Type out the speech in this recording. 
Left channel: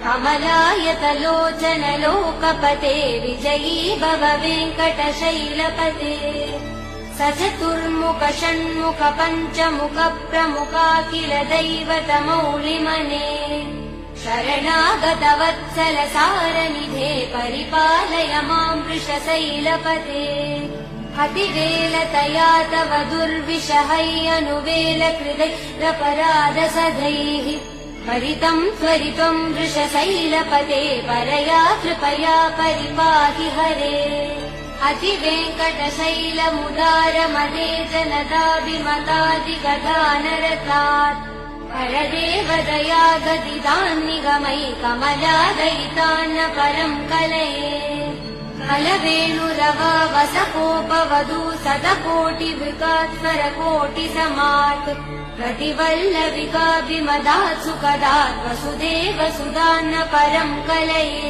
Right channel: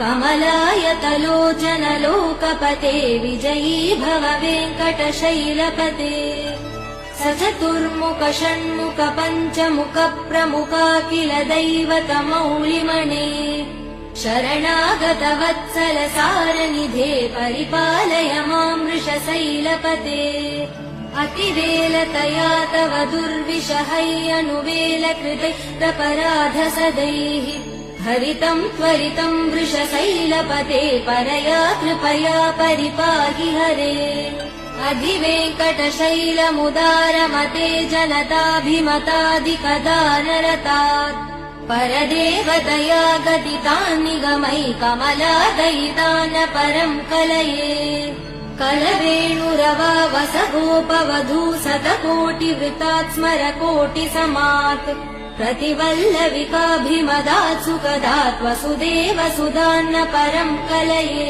कमलायतलोचन लोकपते विजयी भव वेङ्कटशैलपते स चतुर्मुख षण्मुख पञ्चमुख प्रमुखाखिल दैवतमौलिमने शरणागत वत्सल सारनिधे परिपालय मां वृषशैलपते अतिवेलतया तव दुर्विषहैयनुवेल कृदैरपराध सदैः हरितं त्वरितं वृषशैलपते परया कृपया परिपाहि हरे अधिवेङ्कटशैलमुदारमते जनताभिमतादिकदानरतात् परदेवदया गदितान् निगमै कमलादयितान् परं कलये कलवेणुरवावसगोपवधू शतकोटिवृतात् स्मरकोटिसमात् प्रतिवल्लविकाभिमदात् सुखदात् वसुदेव सुधान्न परं कलये